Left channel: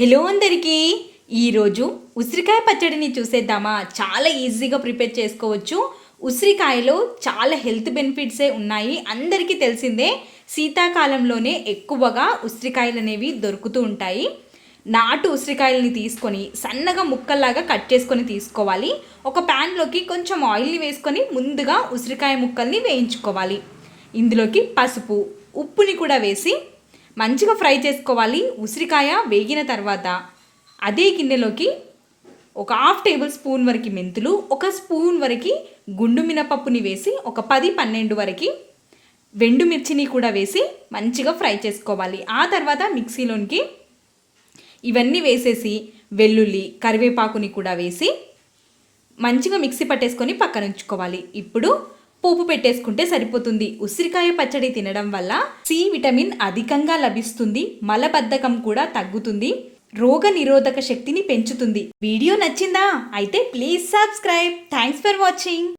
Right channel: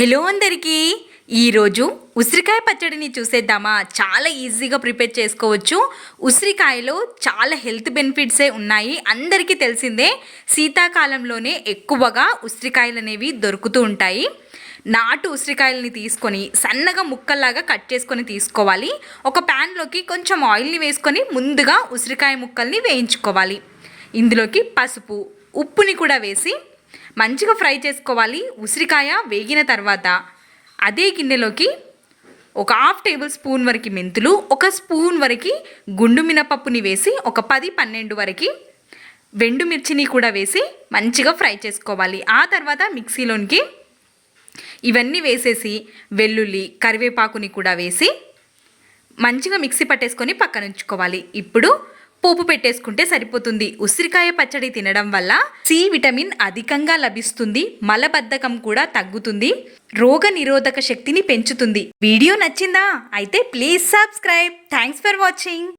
Hello అందరికీ ఈరోజు ఉసిరికాయ పచ్చడిని చూసేద్దామా. చాలా ఈజీగా ప్రిపేర్ చేసుకోవచ్చు. ఉసిరికాయలో చాలా హెల్త్ బెనిఫిట్సే ఉన్నాయి. అందరికీ తెలిసిందే, శీతాకాలంలోనే ఎక్కువగా ఉసిరికాయలు అనేవి దొరుకుతూ ఉంటాయి. నాటు ఉసిరికాయలని తీసుకొని సన్నగా ముక్కల్లాగా కట్ చేసుకొని తీసుకోవాలి. ఒక ప్యాన్లోకి కొంచెం ఆయిల్ని వేసుకొని ముందుగా ఉసిరికాయ ముక్కల్ని వేయించుకోవాలి. ఇందులోకి పసుపు, ఉప్పుని కూడా వేసి మంచిగా ఫ్రై చేసుకోవాలి. ఉసిరికాయ వేగిన తర్వాత అదే గిన్నెలోకి ఒక 1/2 టేబుల్ స్పూన్ వరకు మెంతులు, 1 స్పూన్ వరకు గుండు మినపప్పుని వేసి ఒక 10-12 వరకు మిర్చిని కూడా వేసి మంచిగా ఫ్రై చేసుకోవాలి. ఆ తర్వాత మిక్సీలోనికి ఇవన్నీ వేసేసి వెల్లుల్లి, కరివేపాకుని కూడా వేసి మంచిగా మిక్సీ పట్టేసుకొని పక్కన ఉంచుకోవాలి. ఇప్పుడు పోపు పెట్టేసుకుంటే సరిపోతుంది. ఉసిరికాయ పచ్చడి తినడం వల్ల సి విటమిన్ అధికంగా లభిస్తుంది. మలబద్ధకం కూడా తగ్గుతుంది. రోగ నిరోధక శక్తిని పెంచుతుంది. వీడియో నచ్చిందా? అయితే please subscribe. Thanks for watching.